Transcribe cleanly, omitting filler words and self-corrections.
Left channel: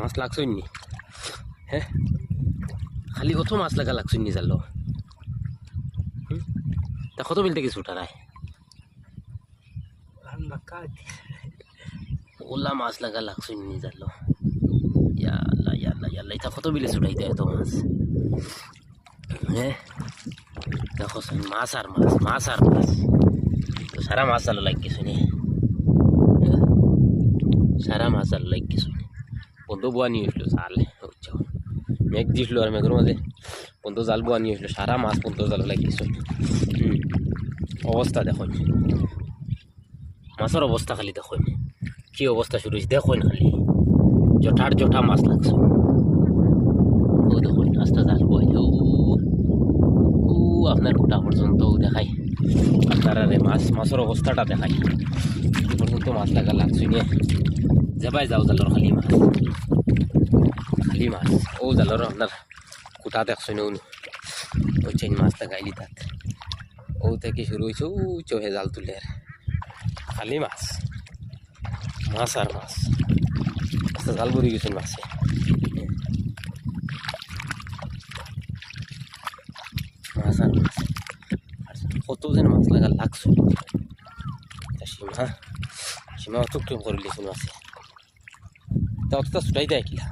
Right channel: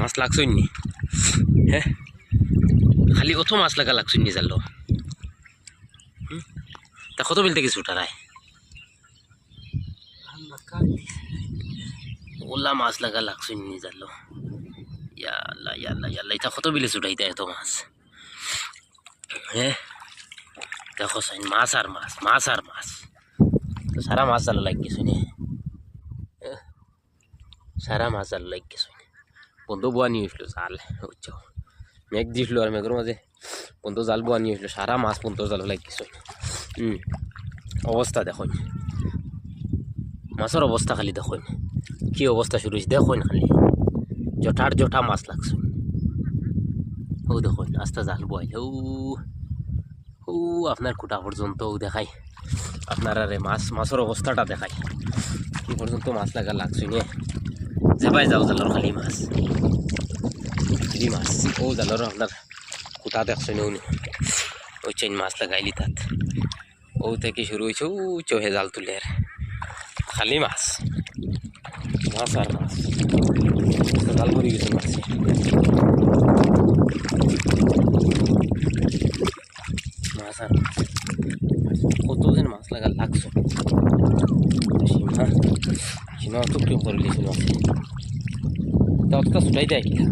মাছ লাগছই নি? হ্যাঁ, খালি অত মাছ লাগা লাগছই নি জাল? তা কত বিল থেকে ছুটারায় ওলা মাছ লাগা লাগছই নি জাল? ইয়াল্লা ইয়াল্লা ইয়াল্লা, এটা কত বিলে ছুটাইতে এত মাছ? হ্যাঁ দেখো সাইন, মাছ আর মাছ, মাছ আর মাছ, তো সারা মাছ জাল লাগ গেছে নি, সারা মাছ জাল লাগ গেছে। বন্ধু বুয়া নিয়ে আসলো জাল, বুঝছো? মেঘ দিছিল আর মেঘের মাঝে বন্ধু জাল বুয়া নিয়ে আসলো, সারা মাছ বন্ধু জাল লাগ গেছে। অবস্থা দেখুন, মাছের অবস্থা খালি দেখুন কি অবস্থা শুরু হয়েছে, দেখুন খালি জঠার জঠা মাছ লাগছে। ও দেখুন আস্তে জাল বইল, ও আপনার খুঁটা পর্যন্ত দেখাই, আপনার আরে মাছের অবস্থাটা দেখাই কি পর্যন্ত মাছ লাগা লাগছে নিয়ে। যাবাই যাও জালর খালি মাছ, খালি মাছ। ও জালর আপনার খুঁটা দেখছেন, ওই চেন মাছ লাগাইলি তাত, ও থেকে শুরু হয়েছে, ও চোহে জাল তুলে আর খালি মাছ, মাছ আর মাছ, জাল ভরে গেছে মাছে। মাছ আর মাছ, কত যেন মাছ লাগা লাগছে। সীমা সীমা অত কেউ করে লিখুন মাছে, তা অতটা ছুটাই দেয় কিনা।